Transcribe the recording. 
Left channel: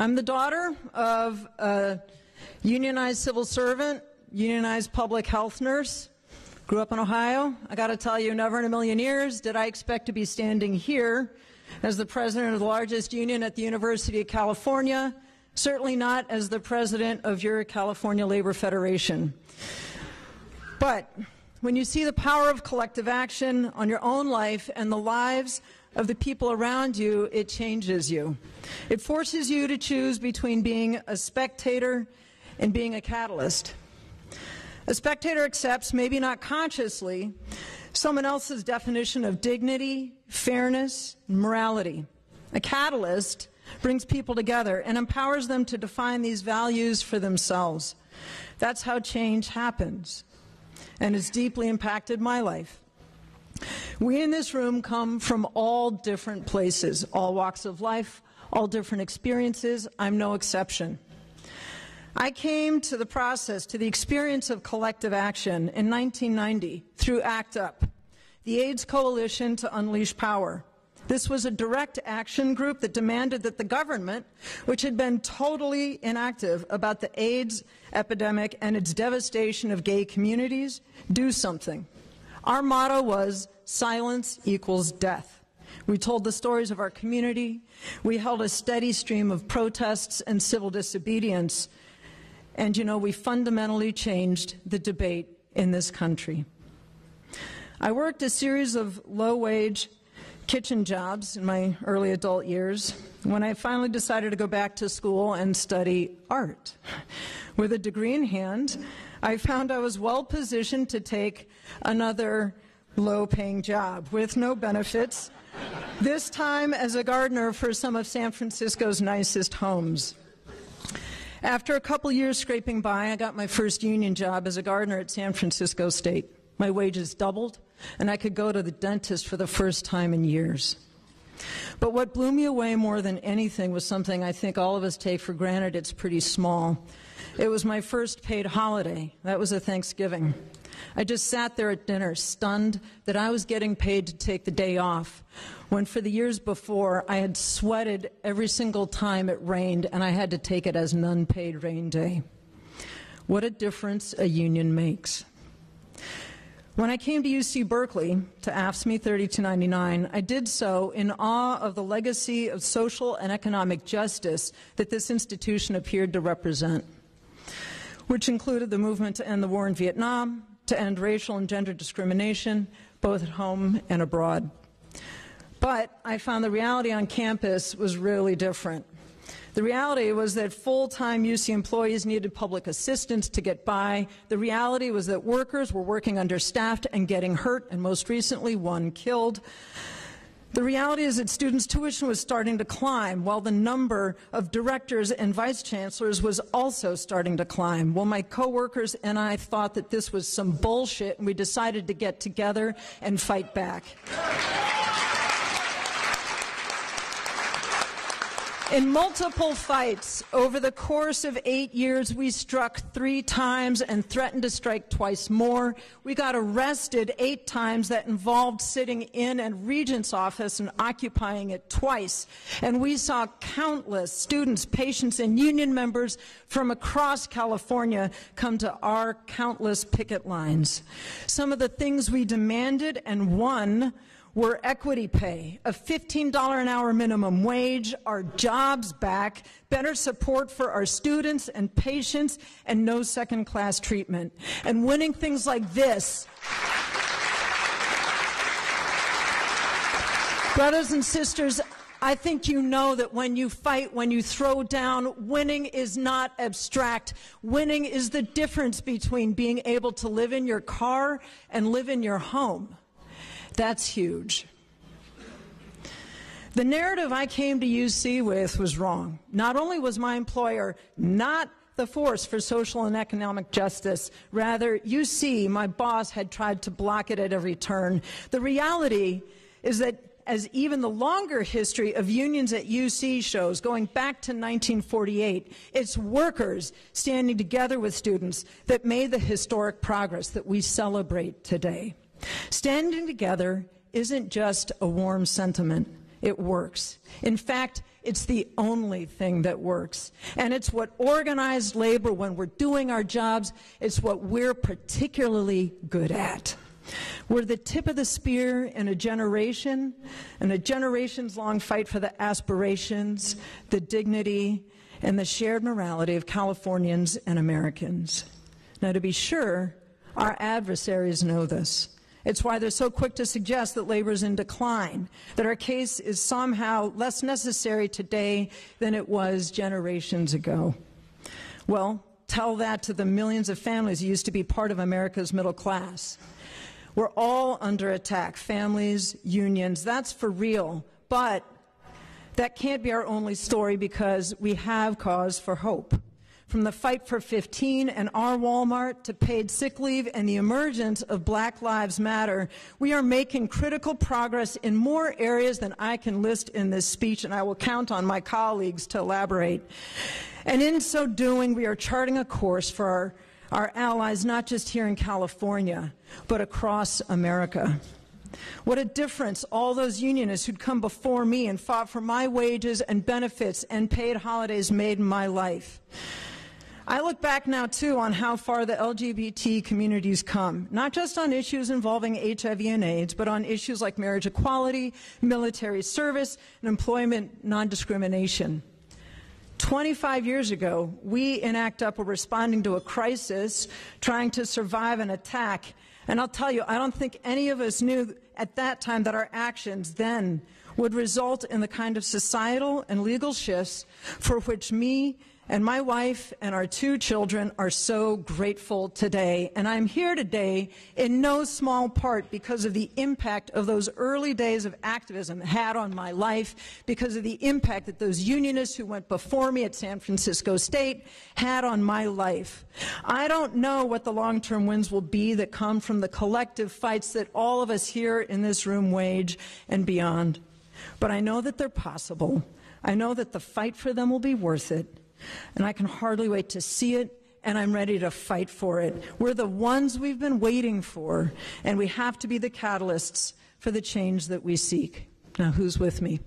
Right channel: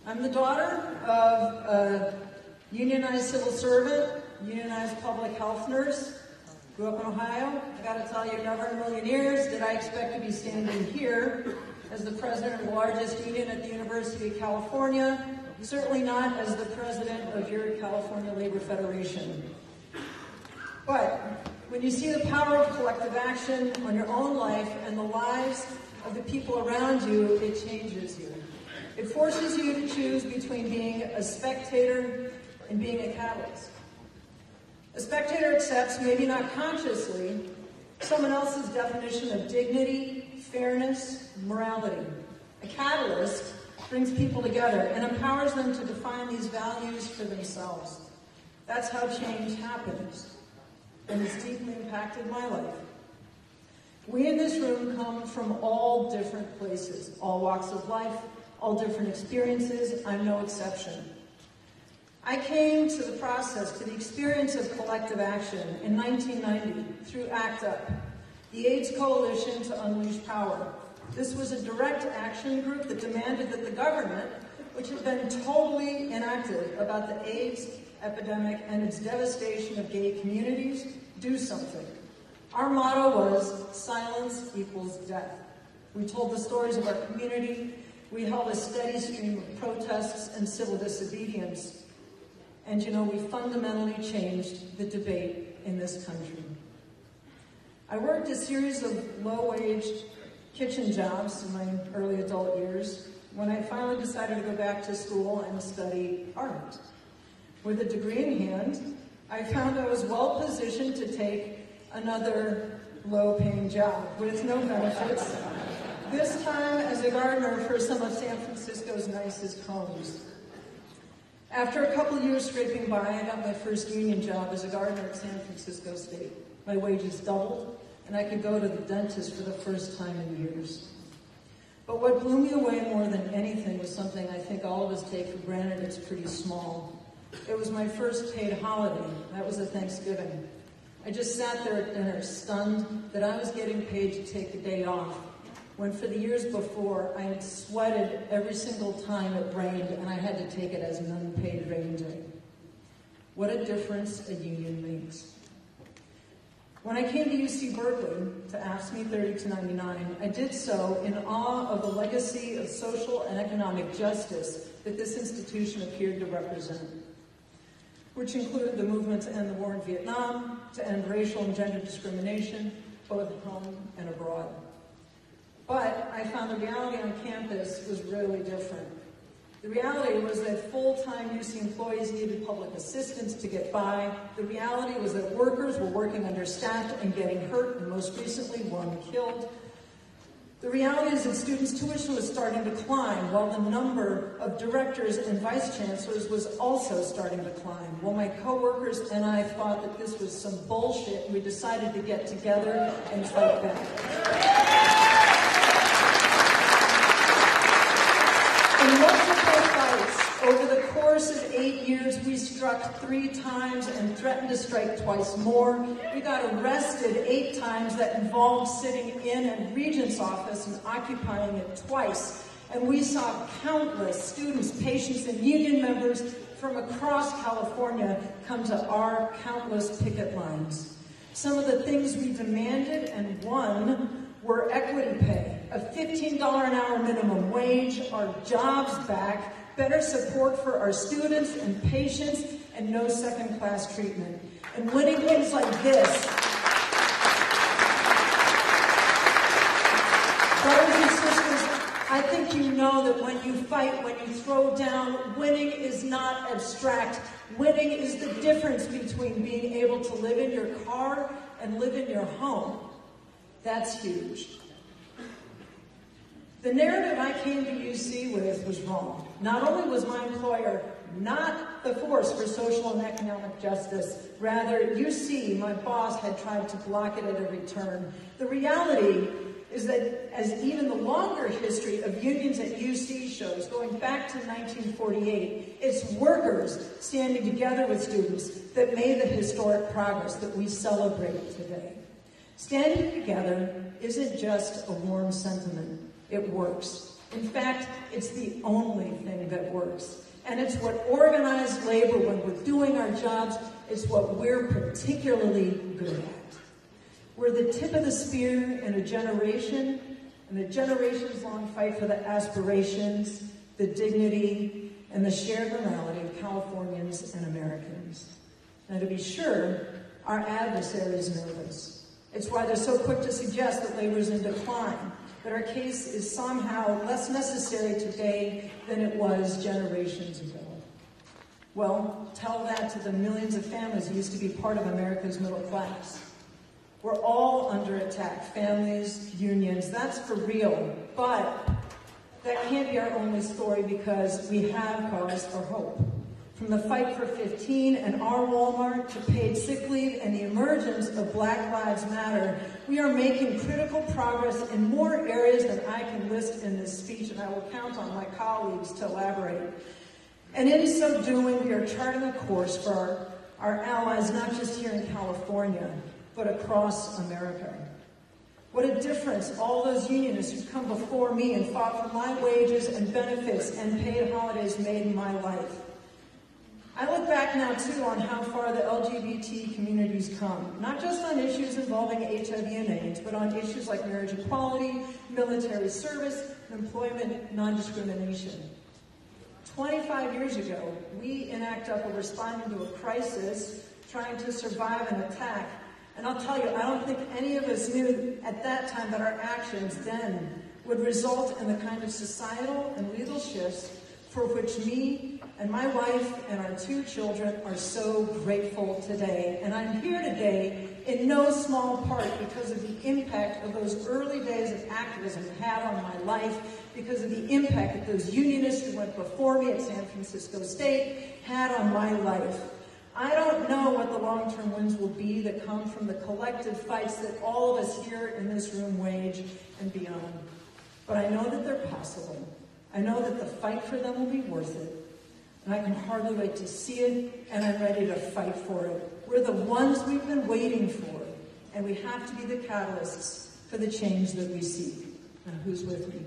I'm the daughter of a unionized civil servant, unionized public health nurse. Grew up in Ohio. I got to tell you, never in a million years did I expect to be standing here as the president of the largest union at the University of California, certainly not as the president of your California Labor Federation. But when you see the power of collective action on your own life and the lives of the people around you, it changes you. It forces you to choose between being a spectator and being a catalyst. A spectator accepts, maybe not consciously, someone else's definition of dignity, fairness, and morality. A catalyst brings people together and empowers them to define these values for themselves. That's how change happens, and it's deeply impacted my life. We in this room come from all different places, all walks of life, all different experiences. I'm no exception. I came to the process, to the experience of collective action in 1990 through ACT UP, the AIDS Coalition to Unleash Power. This was a direct action group that demanded that the government, which had been totally inactive about the AIDS epidemic and its devastation of gay communities, do something. Our motto was, silence equals death. We told the stories of our community. We held a steady stream of protests and civil disobedience. And you know, we fundamentally changed the debate in this country. I worked a series of low-wage kitchen jobs in my early adult years when I finally decided to go back to school and study art. With a degree in hand, I found I was well positioned to take another low-paying job with no benefits, this time as a gardener for some of San Francisco's nicest homes. After a couple years scraping by, I got my first union job as a gardener at San Francisco State. My wages doubled, and I could go to the dentist for the first time in years. But what blew me away more than anything was something I think all of us take for granted. It's pretty small. It was my first paid holiday. That was a Thanksgiving. I just sat there at dinner, stunned that I was getting paid to take the day off, when for the years before I had sweated every single time it rained, and I had to take it as an unpaid rain day. What a difference a union makes. When I came to UC Berkeley to AFSCME 3299, I did so in awe of the legacy of social and economic justice that this institution appeared to represent, which included the movement to end the war in Vietnam, to end racial and gender discrimination, both at home and abroad. But I found the reality on campus was really different. The reality was that full-time UC employees needed public assistance to get by. The reality was that workers were working understaffed and getting hurt, and most recently, one killed. The reality is that students' tuition was starting to climb, while the number of directors and vice chancellors was also starting to climb. Well, my coworkers and I thought that this was some bullshit, and we decided to get together and fight back. In multiple fights over the course of 8 years, we struck 3 times and threatened to strike twice more. We got arrested 8 times. That involved sitting in a regent's office and occupying it twice. And we saw countless students, patients, and union members from across California come to our countless picket lines. Some of the things we demanded and won were equity pay, a $15 an hour minimum wage, our jobs back, better support for our students and patients, and no second-class treatment. And winning things like this, brothers and sisters, I think you know that when you fight, when you throw down, winning is not abstract. Winning is the difference between being able to live in your car and live in your home. That's huge. The narrative I came to UC with was wrong. Not only was my employer not the force for social and economic justice, rather, UC, my boss, had tried to block it at every turn. The reality is that as even the longer history of unions at UC shows, going back to 1948, it's workers standing together with students that made the historic progress that we celebrate today. Standing together isn't just a warm sentiment. It works. In fact, it's the only thing that works. And it's what organized labor, when we're doing our jobs, it's what we're particularly good at. We're the tip of the spear in a generation, and a generations-long fight for the aspirations, the dignity, and the shared morality of Californians and Americans. Now, to be sure, our adversaries know this. It's why they're so quick to suggest that labor is in decline, that our case is somehow less necessary today than it was generations ago. Well, tell that to the millions of families who used to be part of America's middle class. We're all under attack, families, unions, that's for real. But that can't be our only story, because we have cause for hope. From the fight for 15 and our Walmart to paid sick leave and the emergence of Black Lives Matter, we are making critical progress in more areas than I can list in this speech, and I will count on my colleagues to elaborate. And in so doing, we are charting a course for our allies, not just here in California, but across America. What a difference all those unionists who'd come before me and fought for my wages and benefits and paid holidays made in my life. I look back now, too, on how far the LGBT community's come, not just on issues involving HIV and AIDS, but on issues like marriage equality, military service, and employment non-discrimination. 25 years ago, we in ACT UP were responding to a crisis, trying to survive an attack. And I'll tell you, I don't think any of us knew at that time that our actions then would result in the kind of societal and legal shifts for which me and my wife and our 2 children are so grateful today. And I'm here today in no small part because of the impact of those early days of activism had on my life, because of the impact that those unionists who went before me at San Francisco State had on my life. I don't know what the long-term wins will be that come from the collective fights that all of us here in this room wage and beyond. But I know that they're possible. I know that the fight for them will be worth it. And I can hardly wait to see it, and I'm ready to fight for it. We're the ones we've been waiting for, and we have to be the catalysts for the change that we seek. Now, who's with me?